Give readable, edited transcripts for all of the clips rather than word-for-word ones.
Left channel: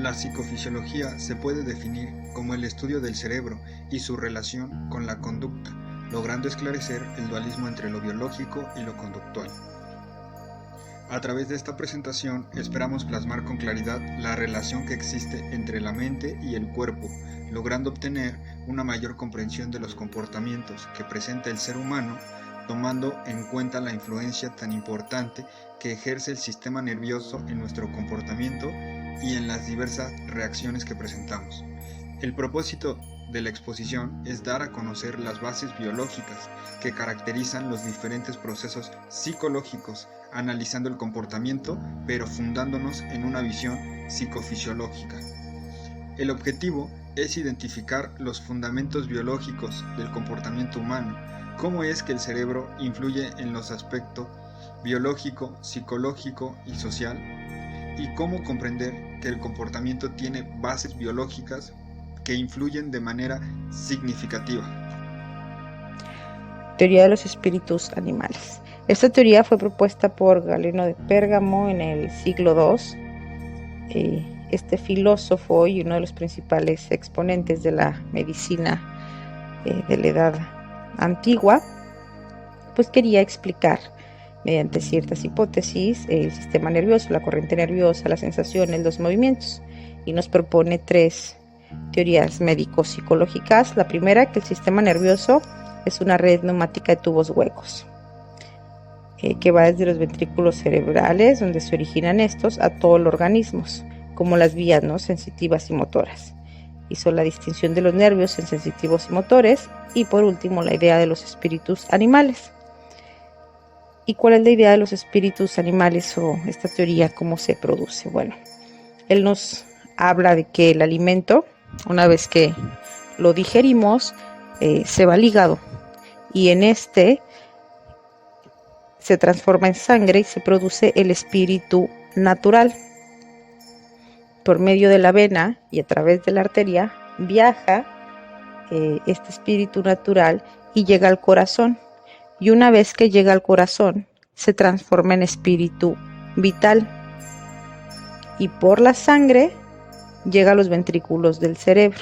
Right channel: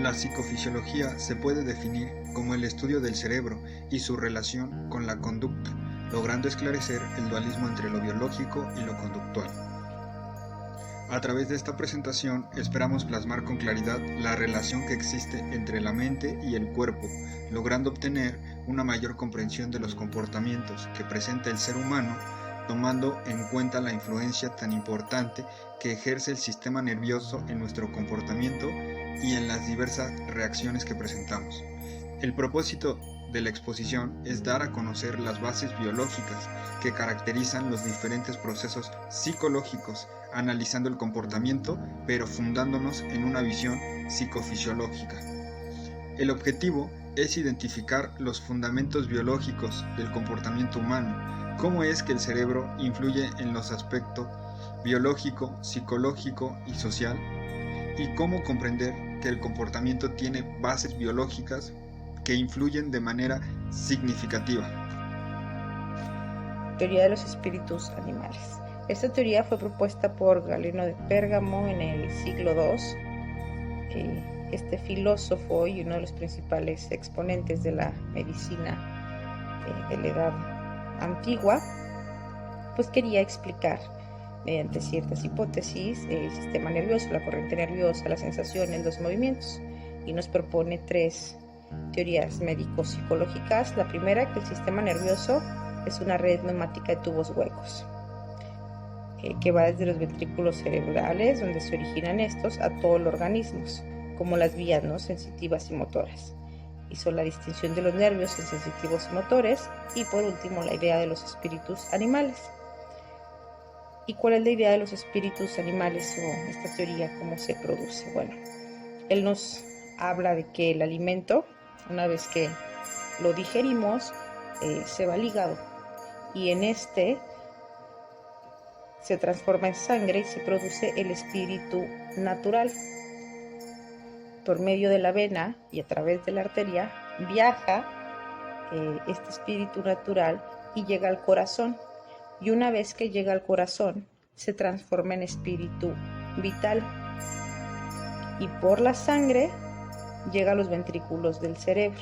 La psicofisiología se puede definir como el estudio del cerebro y su relación con la conducta, logrando esclarecer el dualismo entre lo biológico y lo conductual. A través de esta presentación esperamos plasmar con claridad la relación que existe entre la mente y el cuerpo, logrando obtener una mayor comprensión de los comportamientos que presenta el ser humano, tomando en cuenta la influencia tan importante que ejerce el sistema nervioso en nuestro comportamiento y en las diversas reacciones que presentamos. El propósito de la exposición es dar a conocer las bases biológicas que caracterizan los diferentes procesos psicológicos, analizando el comportamiento, pero fundándonos en una visión psicofisiológica. El objetivo es identificar los fundamentos biológicos del comportamiento humano, cómo es que el cerebro influye en los aspectos biológico, psicológico y social, y cómo comprender que el comportamiento tiene bases biológicas que influyen de manera significativa. Teoría de los espíritus animales. Esta teoría fue propuesta por Galeno de Pérgamo en el siglo II. Este filósofo y uno de los principales exponentes de la medicina de la edad antigua, pues quería explicar mediante ciertas hipótesis el sistema nervioso, la corriente nerviosa, las sensaciones, los movimientos, y nos propone 3 teorías médico-psicológicas. La primera, que el sistema nervioso es una red neumática de tubos huecos, que va desde los ventrículos cerebrales, donde se originan estos, a todos los organismos, como las vías, ¿no?, sensitivas y motoras. Hizo la distinción de los nervios en sensitivos y motores. Y por último, la idea de los espíritus animales. ¿Y cuál es la idea de los espíritus animales, o esta teoría cómo se produce? Bueno, él nos habla de que el alimento, una vez que lo digerimos, se va al hígado, y en este se transforma en sangre y se produce el espíritu natural. Por medio de la vena y a través de la arteria viaja este espíritu natural y llega al corazón. Y una vez que llega al corazón, se transforma en espíritu vital. Y por la sangre llega a los ventrículos del cerebro.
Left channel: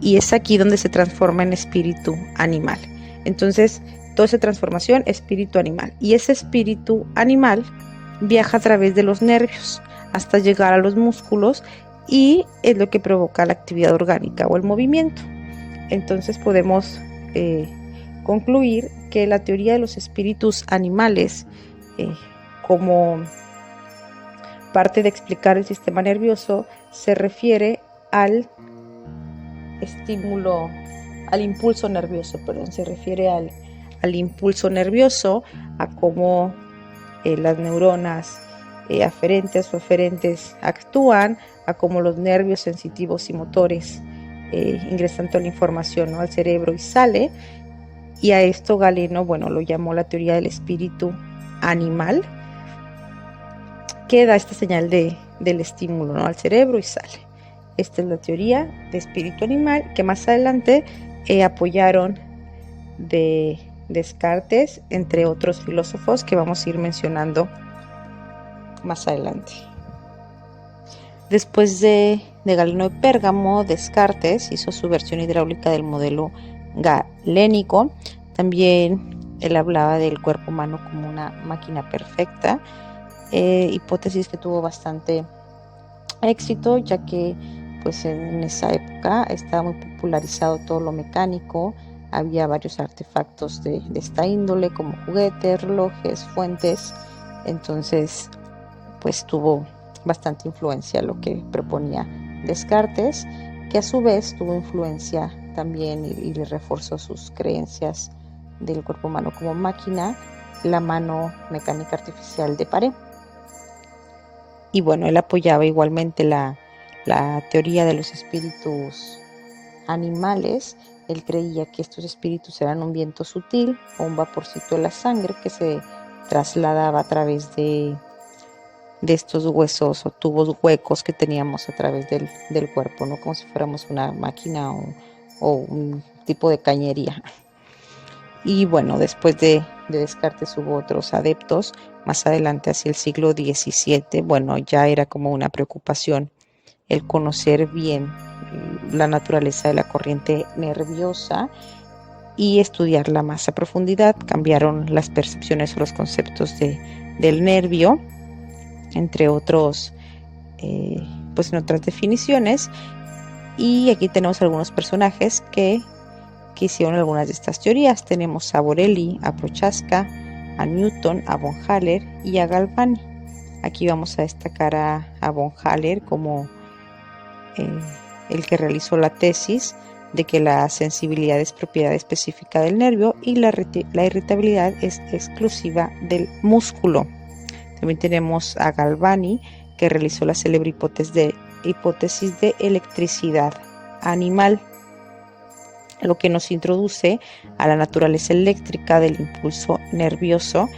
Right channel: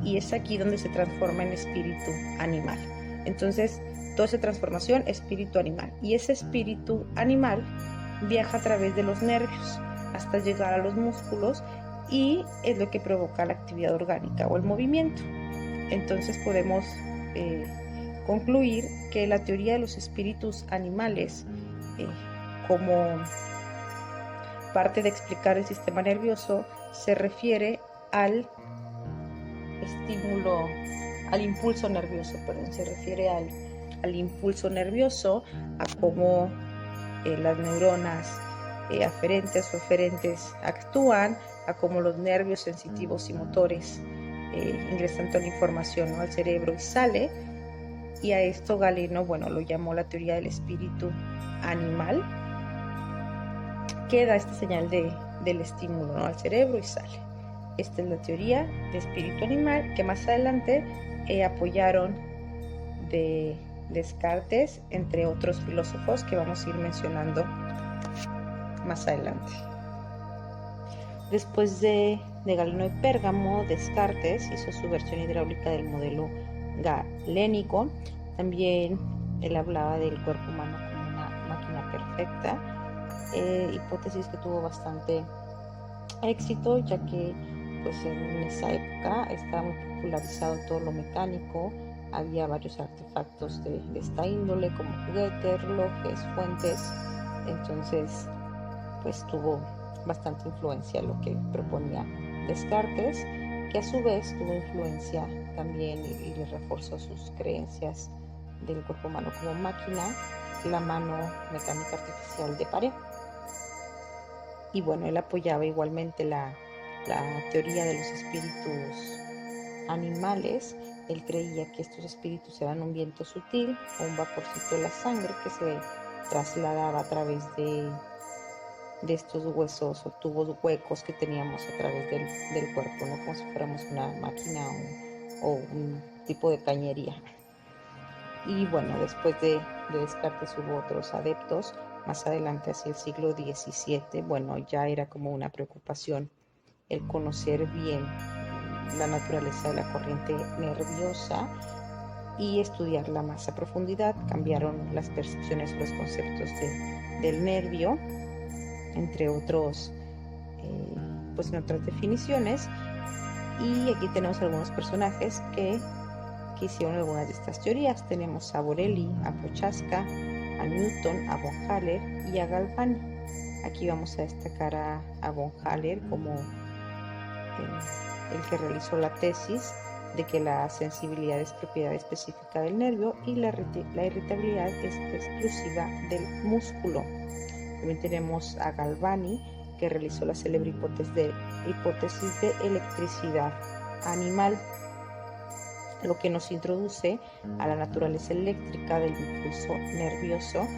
Y es aquí donde se transforma en espíritu animal. Entonces, toda esa transformación, espíritu animal. Y ese espíritu animal viaja a través de los nervios hasta llegar a los músculos, y es lo que provoca la actividad orgánica o el movimiento. Entonces podemos concluir que la teoría de los espíritus animales, como parte de explicar el sistema nervioso, se refiere al impulso nervioso, se refiere al impulso nervioso, a cómo las neuronas aferentes o eferentes actúan, a cómo los nervios sensitivos y motores ingresan toda la información, ¿no?, al cerebro y sale. Y a esto Galeno, lo llamó la teoría del espíritu animal, que da esta señal del estímulo, ¿no?, al cerebro y sale. Esta es la teoría de espíritu animal, que más adelante apoyaron de Descartes, entre otros filósofos que vamos a ir mencionando más adelante. Después de Galeno de Pérgamo, Descartes hizo su versión hidráulica del modelo galénico. También él hablaba del cuerpo humano como una máquina perfecta, hipótesis que tuvo bastante éxito, ya que pues en esa época estaba muy popularizado todo lo mecánico. Había varios artefactos de esta índole, como juguetes, relojes, fuentes. Entonces pues tuvo bastante influencia lo que proponía Descartes, que a su vez tuvo influencia también y le reforzó sus creencias del cuerpo humano como máquina, la mano mecánica artificial de Paré. Y él apoyaba igualmente la teoría de los espíritus animales. Él creía que estos espíritus eran un viento sutil o un vaporcito de la sangre que se trasladaba a través de estos huesos o tubos huecos que teníamos a través del cuerpo, ¿no?, como si fuéramos una máquina o un tipo de cañería. Y después de Descartes hubo otros adeptos. Más adelante, hacia el siglo XVII, ya era como una preocupación el conocer bien la naturaleza de la corriente nerviosa y estudiarla más a profundidad. Cambiaron las percepciones o los conceptos del nervio, entre otros, pues en otras definiciones. Y aquí tenemos algunos personajes que hicieron algunas de estas teorías. Tenemos a Borelli, a Prochaska, a Newton, a von Haller y a Galvani. Aquí vamos a destacar a von Haller como el que realizó la tesis de que la sensibilidad es propiedad específica del nervio y la irritabilidad es exclusiva del músculo. También tenemos a Galvani, que realizó la célebre hipótesis de electricidad animal, lo que nos introduce a la naturaleza eléctrica del impulso nervioso,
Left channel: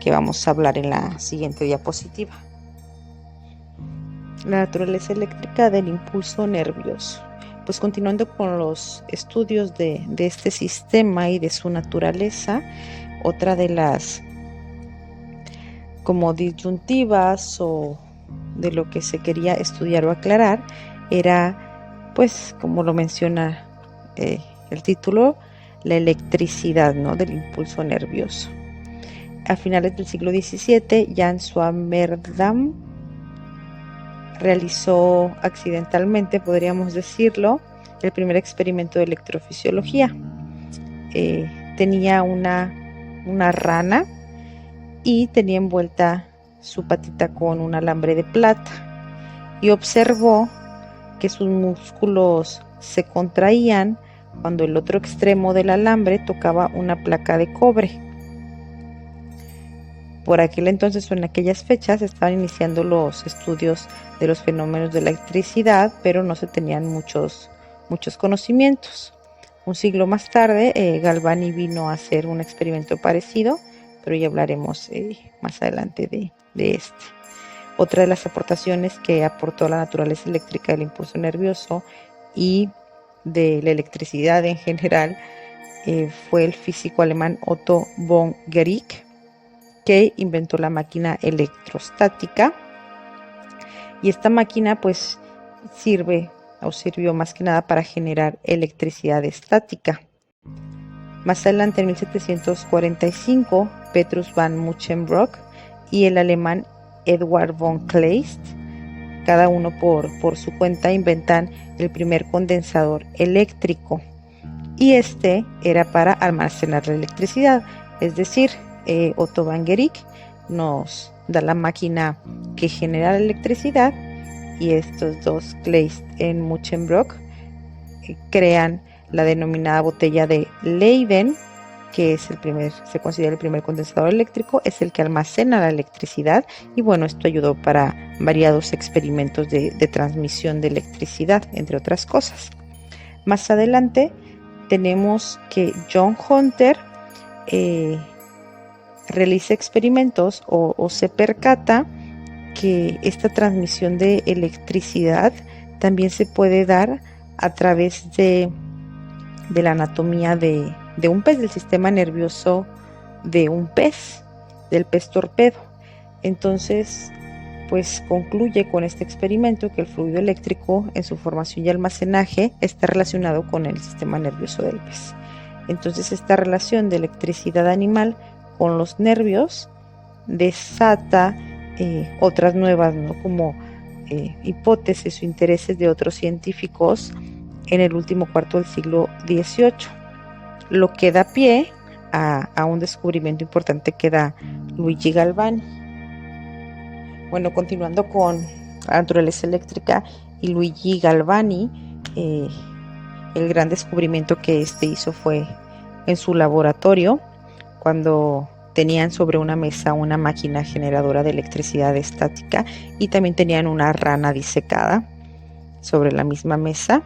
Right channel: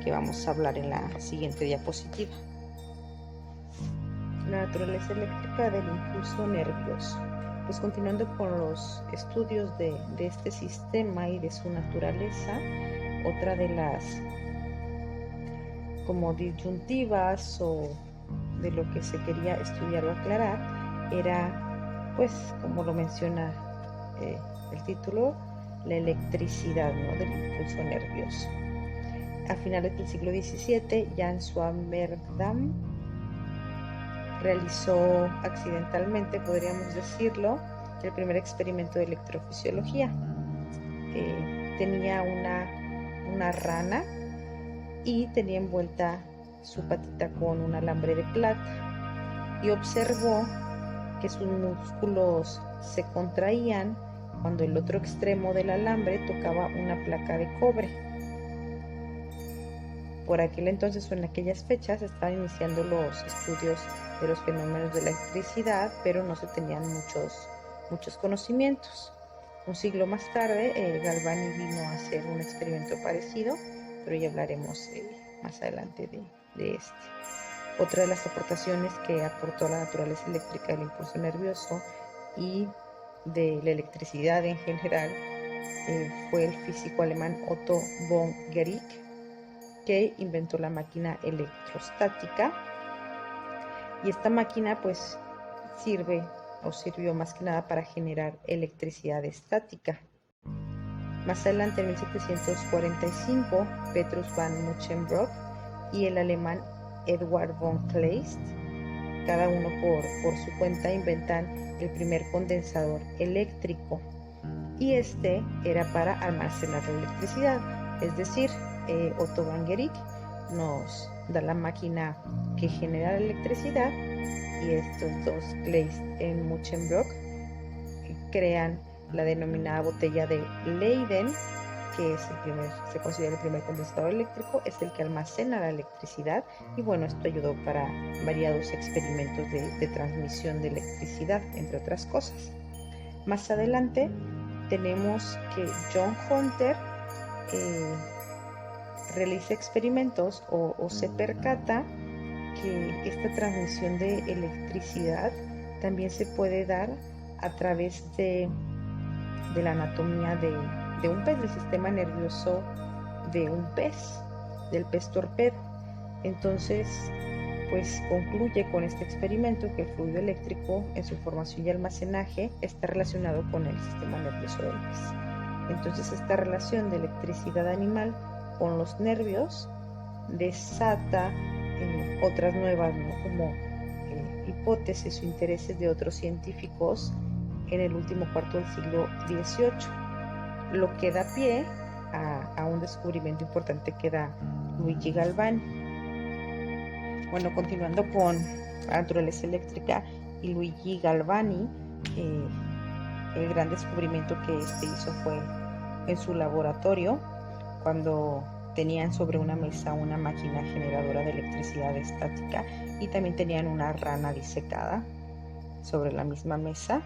que vamos a hablar en la siguiente diapositiva. La naturaleza eléctrica del impulso nervioso. Pues continuando con los estudios de este sistema y de su naturaleza, otra de las como disyuntivas o de lo que se quería estudiar o aclarar era, pues como lo menciona el título, la electricidad, ¿no?, del impulso nervioso. A finales del siglo XVII, Jan Swammerdam realizó accidentalmente, podríamos decirlo, el primer experimento de electrofisiología. Tenía una rana y tenía envuelta su patita con un alambre de plata y observó que sus músculos se contraían cuando el otro extremo del alambre tocaba una placa de cobre. Por aquel entonces o en aquellas fechas estaban iniciando los estudios de los fenómenos de la electricidad, pero no se tenían muchos conocimientos. Un siglo más tarde, Galvani vino a hacer un experimento parecido, pero ya hablaremos más adelante de este. Otra de las aportaciones que aportó la naturaleza eléctrica del impulso nervioso y de la electricidad en general fue el físico alemán Otto von Guericke, que inventó la máquina electrostática, y esta máquina pues sirvió más que nada para generar electricidad estática. Más adelante, en 1745, Petrus van Muchenbroek y el alemán Edward von Kleist, cada uno por su cuenta, inventan el primer condensador eléctrico, y este era para almacenar la electricidad. Es decir, Otto van Guericke nos da la máquina que genera la electricidad, y estos dos, Kleist y Muchenbroek, crean la denominada botella de Leyden, que es se considera el primer condensador eléctrico, es el que almacena la electricidad, y bueno, esto ayudó para variados experimentos de transmisión de electricidad, entre otras cosas. Más adelante tenemos que John Hunter realiza experimentos o se percata que esta transmisión de electricidad también se puede dar a través de la anatomía de un pez, del sistema nervioso de un pez, del pez torpedo. Entonces, pues concluye con este experimento que el fluido eléctrico en su formación y almacenaje está relacionado con el sistema nervioso del pez. Entonces, esta relación de electricidad animal con los nervios desata otras nuevas, ¿no?, como hipótesis o intereses de otros científicos en el último cuarto del siglo XVIII, lo que da pie a un descubrimiento importante que da Luigi Galvani. Bueno, continuando con la naturaleza eléctrica y Luigi Galvani, el gran descubrimiento que hizo fue en su laboratorio, cuando tenían sobre una mesa una máquina generadora de electricidad estática, y también tenían una rana disecada sobre la misma mesa,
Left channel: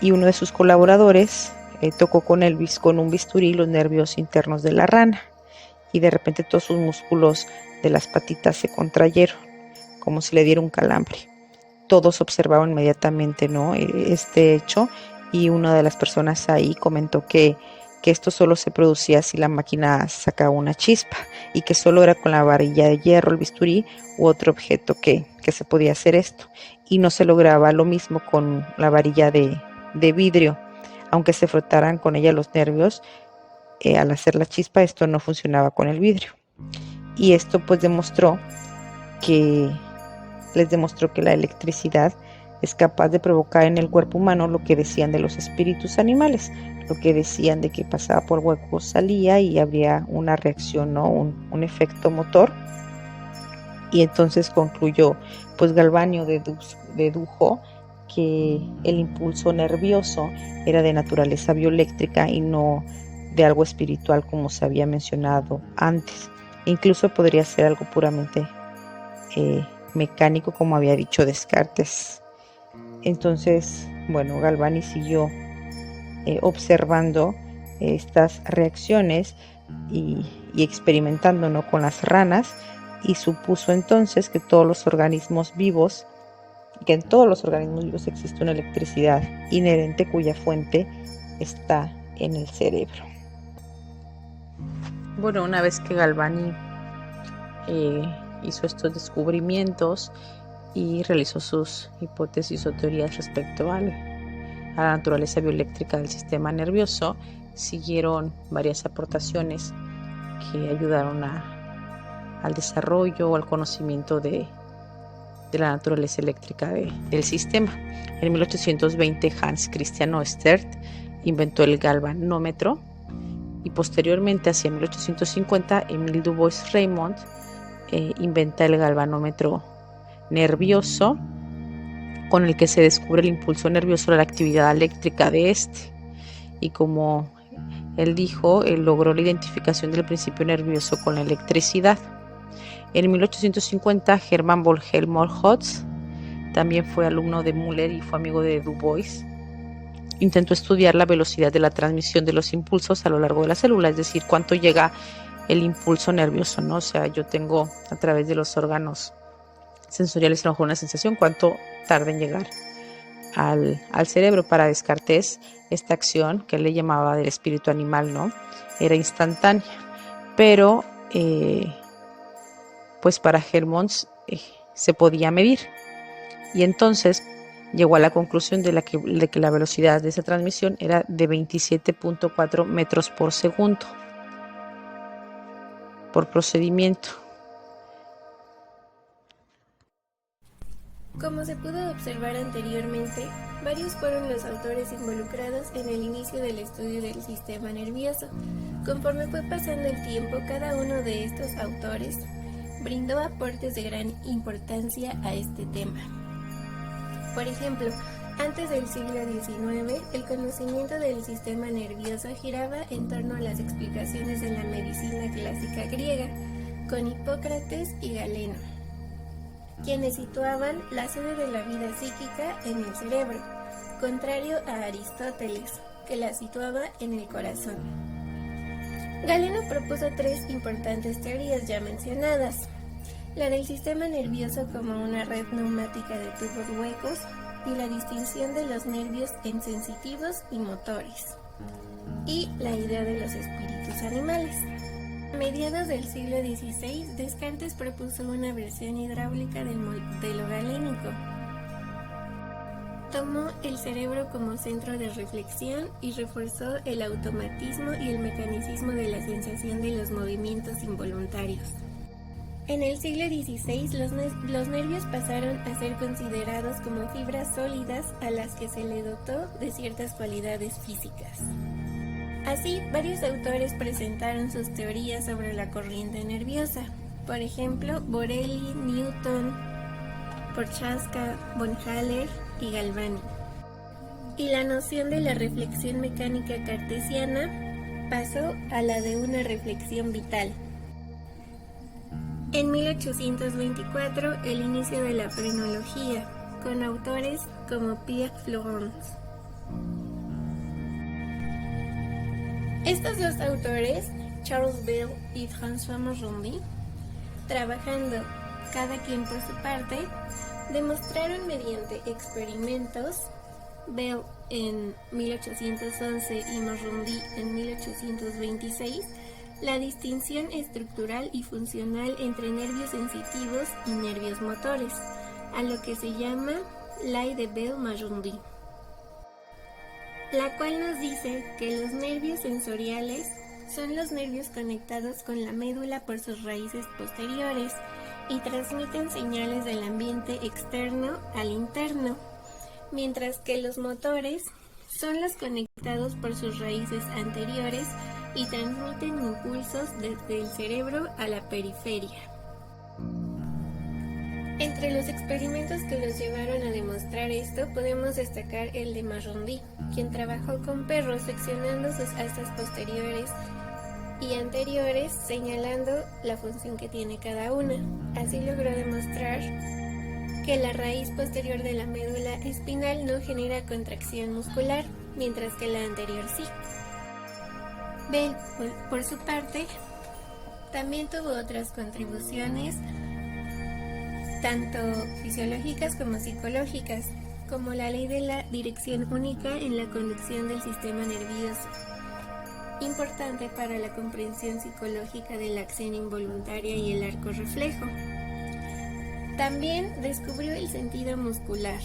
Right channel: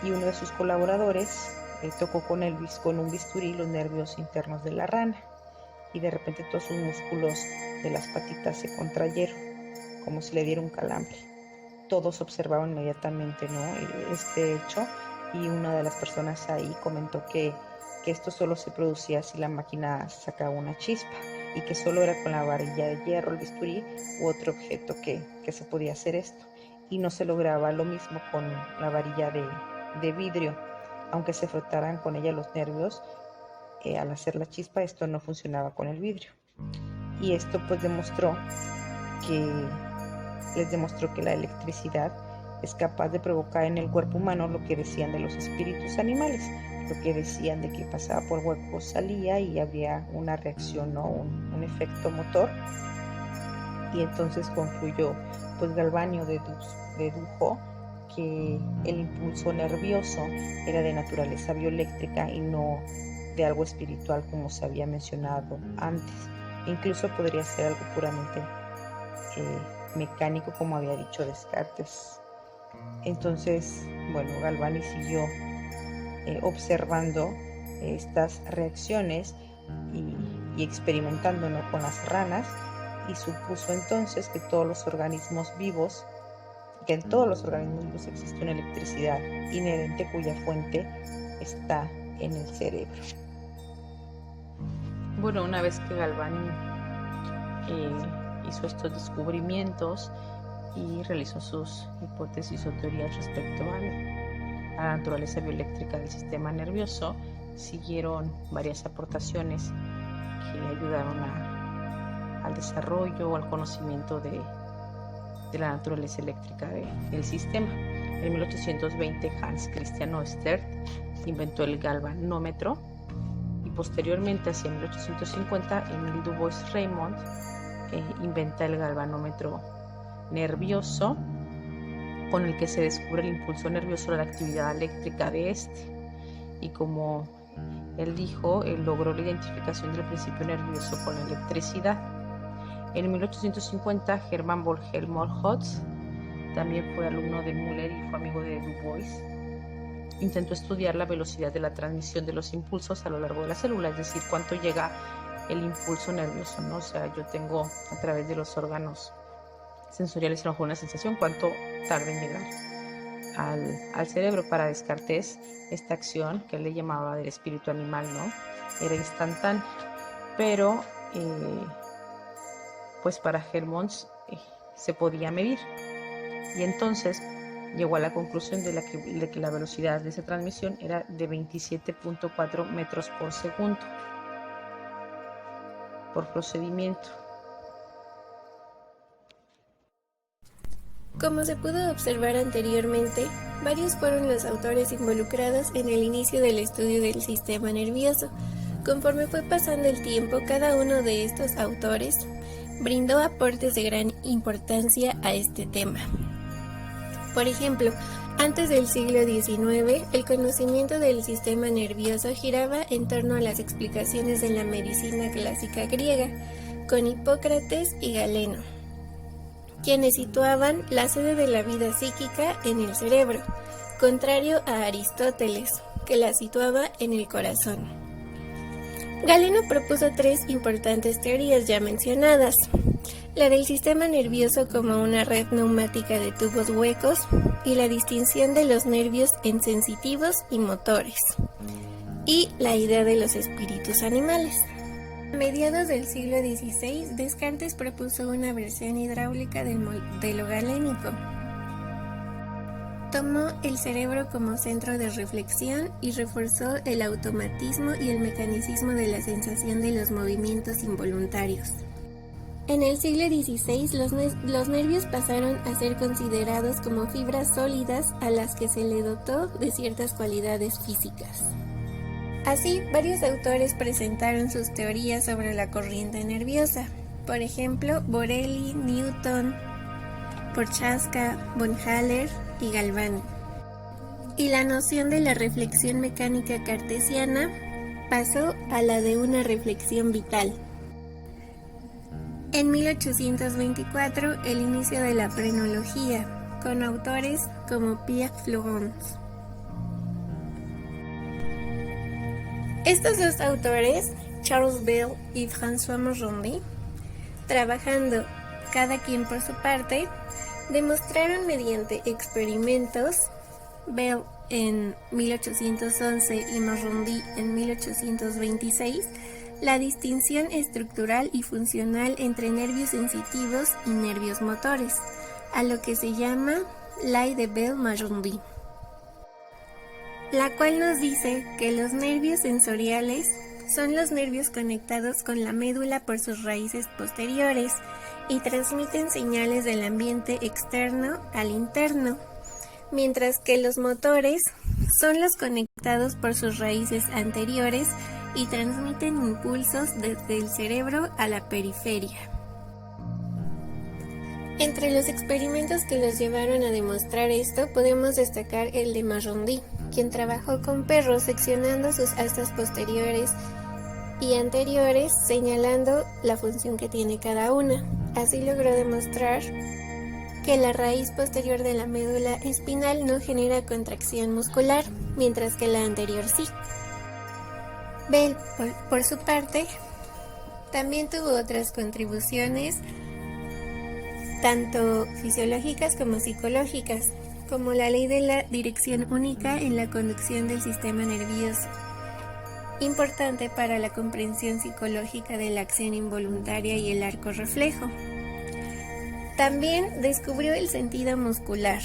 y uno de sus colaboradores tocó con un bisturí los nervios internos de la rana, y de repente todos sus músculos de las patitas se contrayeron, como si le diera un calambre. Todos observaron inmediatamente, ¿no?, este hecho, y una de las personas ahí comentó que que esto solo se producía si la máquina sacaba una chispa y que solo era con la varilla de hierro, el bisturí u otro objeto que se podía hacer esto, y no se lograba lo mismo con la varilla de vidrio. Aunque se frotaran con ella los nervios, al hacer la chispa esto no funcionaba con el vidrio. Y esto pues les demostró que la electricidad es capaz de provocar en el cuerpo humano lo que decían de los espíritus animales, lo que decían de que pasaba por huecos, salía y habría una reacción, ¿no? un efecto motor. Y entonces concluyó, pues Galvani dedujo que el impulso nervioso era de naturaleza bioeléctrica y no de algo espiritual como se había mencionado antes. Incluso podría ser algo puramente mecánico, como había dicho Descartes. Entonces, bueno, Galvani siguió observando estas reacciones y experimentando, ¿no?, con las ranas, y supuso entonces que en todos los organismos vivos existe una electricidad inherente cuya fuente está en el cerebro. Bueno, una vez que Galvani hizo estos descubrimientos y realizó sus hipótesis o teorías respecto a la naturaleza bioeléctrica del sistema nervioso, siguieron varias aportaciones que ayudaron al desarrollo o al conocimiento de la naturaleza eléctrica del sistema. En 1820 Hans Christian Oersted inventó el galvanómetro y posteriormente, hacia 1850, Emile Du Bois-Reymond inventa el galvanómetro nervioso, con el que se descubre el impulso nervioso de la actividad eléctrica de este. Y como él dijo, él logró la identificación del principio nervioso con la electricidad. En 1850, Hermann von Helmholtz también fue alumno de Müller y fue amigo de Du Bois. Intentó estudiar la velocidad de la transmisión de los impulsos a lo largo de la célula, es decir, cuánto llega el impulso nervioso, ¿no? O sea, yo tengo a través de los órganos sensoriales a lo mejor una sensación, cuánto tarda en llegar al cerebro. Para Descartes, esta acción, que él le llamaba del espíritu animal, ¿no?, era instantánea, pero pues para Helmholtz se podía medir, y entonces llegó a la conclusión de que la velocidad de esa transmisión era de 27.4 metros por segundo por procedimiento. Como se pudo observar anteriormente, varios fueron los autores involucrados en el inicio del estudio del sistema nervioso. Conforme fue pasando el tiempo, cada uno de estos autores brindó aportes de gran importancia a este tema. Por ejemplo, antes del siglo XIX, el conocimiento del sistema nervioso giraba en torno a las explicaciones de la medicina clásica griega, con Hipócrates y Galeno, quienes situaban la sede de la vida psíquica en el cerebro, contrario a Aristóteles, que la situaba en el corazón. Galeno propuso tres importantes teorías ya mencionadas: la del sistema nervioso como una red neumática de tubos huecos y la distinción de los nervios en sensitivos y motores, y la idea de los espíritus animales. A mediados del siglo XVI, Descartes propuso una versión hidráulica del modelo galénico. Tomó el cerebro como centro de reflexión y reforzó el automatismo y el mecanicismo de la sensación de los movimientos involuntarios. En el siglo XVI, los nervios pasaron a ser considerados como fibras sólidas a las que se le dotó de ciertas cualidades físicas. Así, varios autores presentaron sus teorías sobre la corriente nerviosa. Por ejemplo, Borelli, Newton, Prochaska, von Haller y Galvani. Y la noción de la reflexión mecánica cartesiana pasó a la de una reflexión vital. En 1824, el inicio de la frenología, con autores como Pierre Florence. Estos dos autores, Charles Bell y François Morandi, trabajando cada quien por su parte, demostraron mediante experimentos, Bell en 1811 y Magendie en 1826, la distinción estructural y funcional entre nervios sensitivos y nervios motores, a lo que se llama Ley de Bell-Magendie, la cual nos dice que los nervios sensoriales son los nervios conectados con la médula por sus raíces posteriores y transmiten señales del ambiente externo al interno, mientras que los motores son los conectados por sus raíces anteriores y transmiten impulsos desde el cerebro a la periferia. Entre los experimentos que los llevaron a demostrar esto, podemos destacar el de Magendie, quien trabajó con perros seccionando sus astas posteriores y anteriores, señalando la función que tiene cada una. Así logró demostrar que la raíz posterior de la médula espinal no genera contracción muscular, mientras que la anterior sí. Bell, por su parte, también tuvo otras contribuciones, tanto fisiológicas como psicológicas, como la ley de la dirección única en la conducción del sistema nervioso, importante para la comprensión psicológica de la acción involuntaria y el arco reflejo. También descubrió el sentido muscular,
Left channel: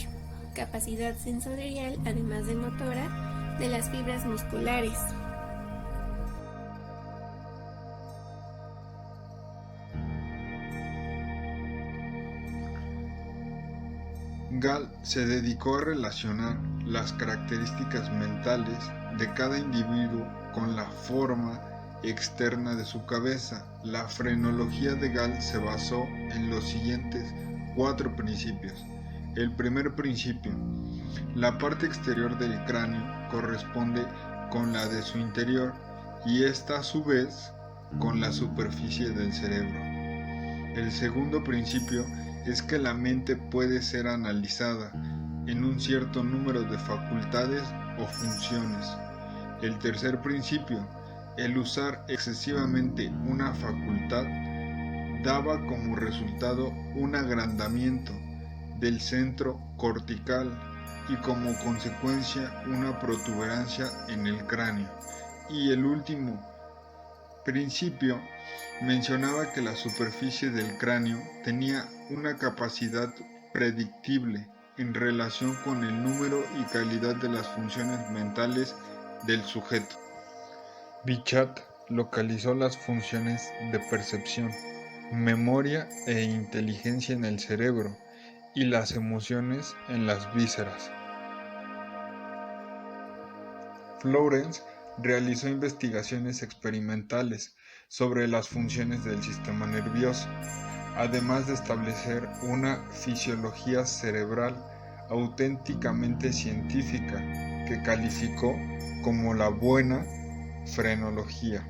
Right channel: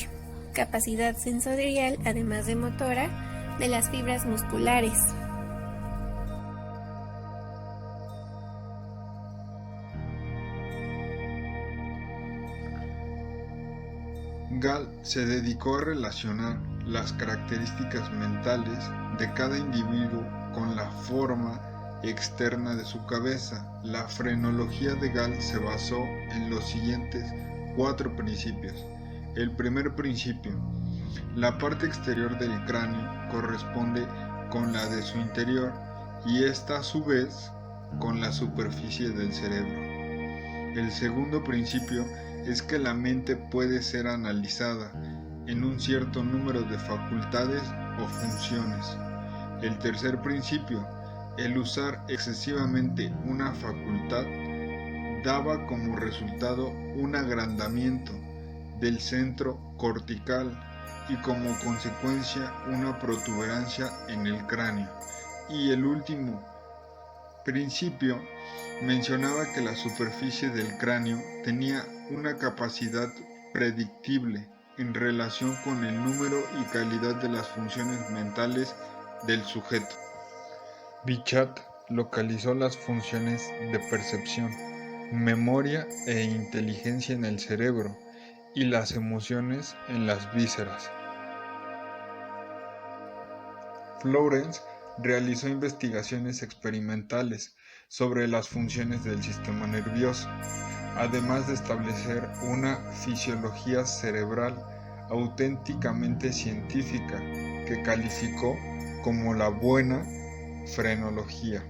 capacidad sensorial, además de motora, de las fibras musculares. Gall se dedicó a relacionar las características mentales de cada individuo con la forma externa de su cabeza. La frenología de Gall se basó en los siguientes 4 principios. El primer principio: la parte exterior del cráneo corresponde con la de su interior y esta a su vez con la superficie del cerebro. El segundo principio es que la mente puede ser analizada en un cierto número de facultades o funciones. El tercer principio: el usar excesivamente una facultad daba como resultado un agrandamiento del centro cortical y como consecuencia una protuberancia en el cráneo. Y el último principio mencionaba que la superficie del cráneo tenía una capacidad predictible en relación con el número y calidad de las funciones mentales del sujeto. Bichat localizó las funciones de percepción, memoria e inteligencia en el cerebro y las emociones en las vísceras. Florence realizó investigaciones experimentales sobre las funciones del sistema nervioso, además de establecer una fisiología cerebral auténticamente científica que calificó como la buena frenología.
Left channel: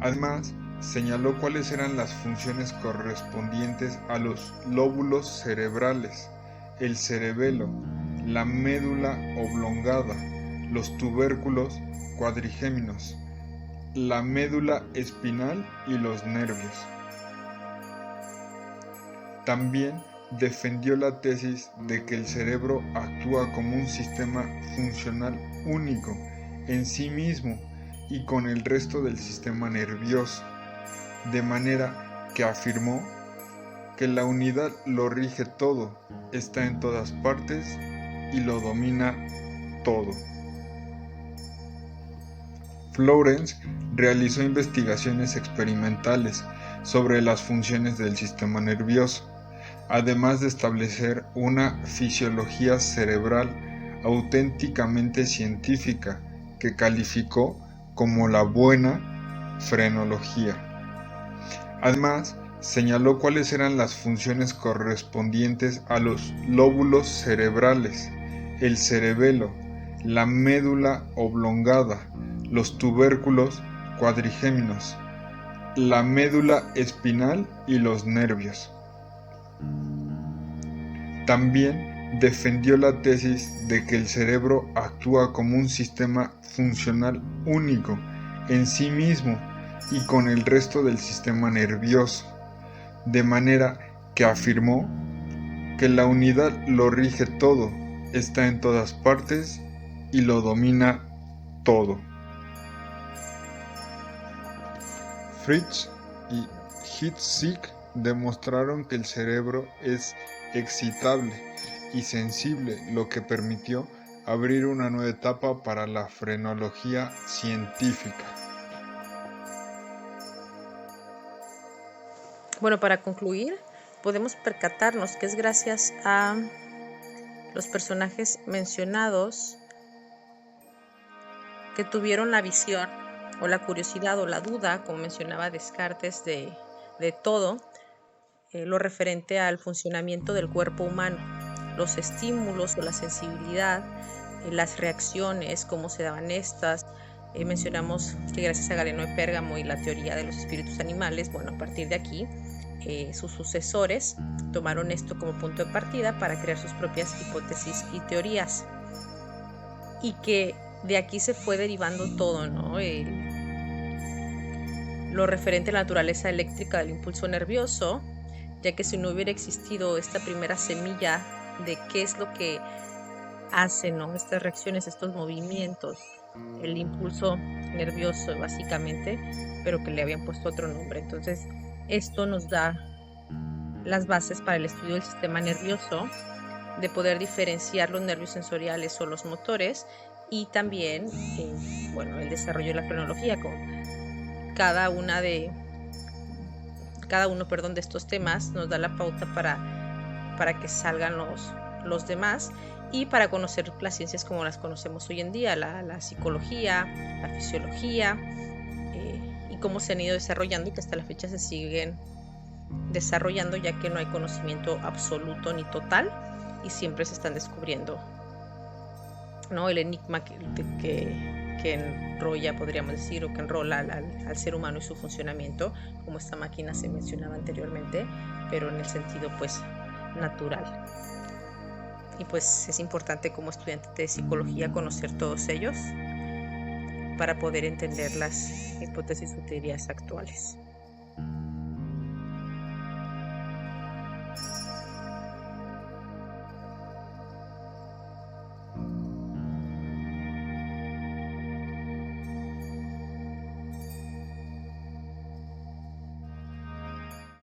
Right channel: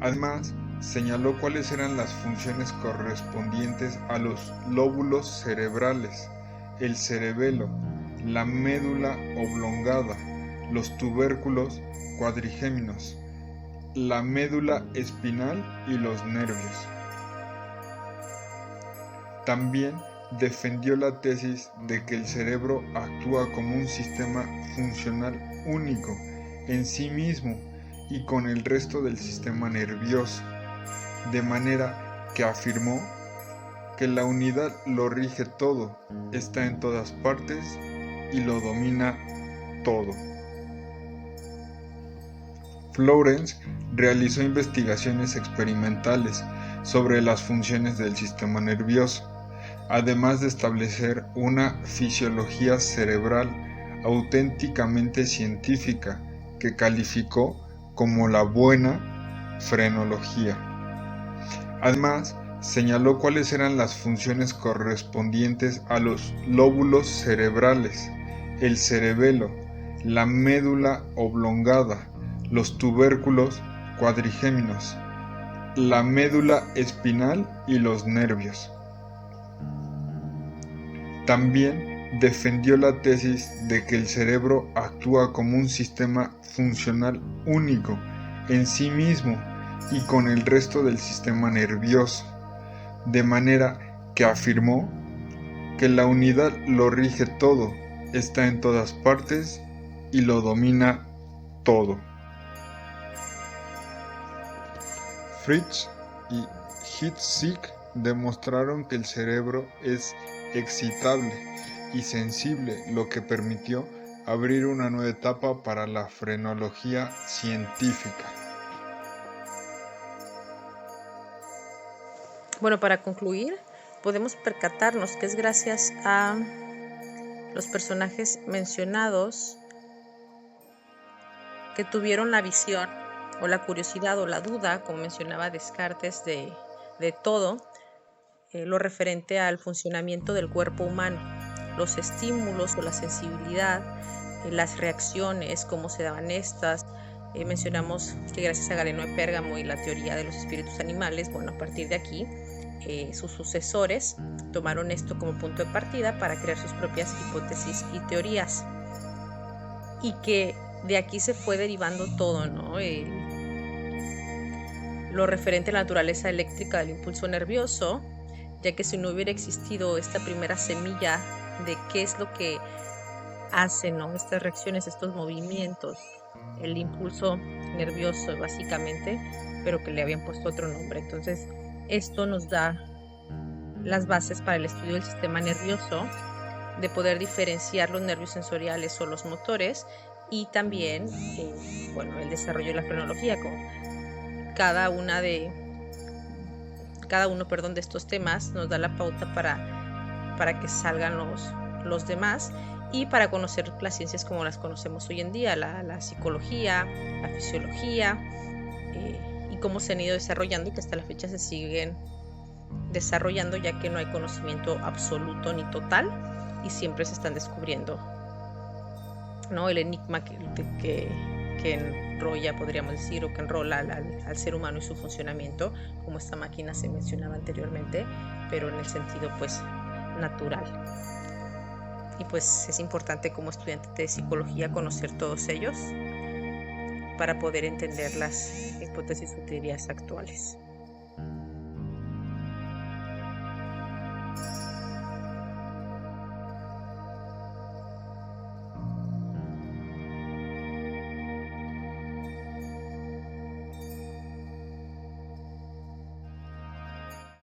Además, señaló cuáles eran las funciones correspondientes a los lóbulos cerebrales, el cerebelo, la médula oblongada, los tubérculos cuadrigéminos, la médula espinal y los nervios. También defendió la tesis de que el cerebro actúa como un sistema funcional único en sí mismo y con el resto del sistema nervioso, de manera que afirmó que la unidad lo rige todo, está en todas partes y lo domina todo. Florence realizó investigaciones experimentales sobre las funciones del sistema nervioso, además de establecer una fisiología cerebral auténticamente científica que calificó como la buena frenología. Además, señaló cuáles eran las funciones correspondientes a los lóbulos cerebrales, el cerebelo, la médula oblongada, los tubérculos cuadrigéminos, la médula espinal y los nervios. También defendió la tesis de que el cerebro actúa como un sistema funcional único en sí mismo y con el resto del sistema nervioso, de manera que afirmó que la unidad lo rige todo, está en todas partes y lo domina todo. Fritsch y Hitzig demostraron que el cerebro es excitable y sensible, lo que permitió abrir una nueva etapa para la frenología científica. Bueno, para concluir, podemos percatarnos que es gracias a los personajes mencionados que tuvieron la visión o la curiosidad o la duda, como mencionaba Descartes, de todo lo referente al funcionamiento del cuerpo humano, los estímulos o la sensibilidad, las reacciones, cómo se daban estas. Mencionamos que gracias a Galeno de Pérgamo y la teoría de los espíritus animales, bueno, a partir de aquí, sus sucesores tomaron esto como punto de partida para crear sus propias hipótesis y teorías. Y que de aquí se fue derivando todo, ¿no? Lo referente a la naturaleza eléctrica del impulso nervioso, ya que si no hubiera existido esta primera semilla de qué es lo que hace, ¿no? Estas reacciones, estos movimientos, el impulso nervioso básicamente, pero que le habían puesto otro nombre. Entonces, esto nos da las bases para el estudio del sistema nervioso, de poder diferenciar los nervios sensoriales o los motores, y también, el desarrollo de la frenología, con cada uno de estos temas nos da la pauta para que salgan los demás, y para conocer las ciencias como las conocemos hoy en día, la psicología, la fisiología, y cómo se han ido desarrollando y que hasta la fecha se siguen desarrollando, ya que no hay conocimiento absoluto ni total y siempre se están descubriendo, ¿no? El enigma que enrolla, podríamos decir, o que enrola al ser humano y su funcionamiento, como esta máquina se mencionaba anteriormente, pero en el sentido pues natural. Y pues es importante como estudiante de psicología conocer todos ellos para poder entender las hipótesis o teorías actuales.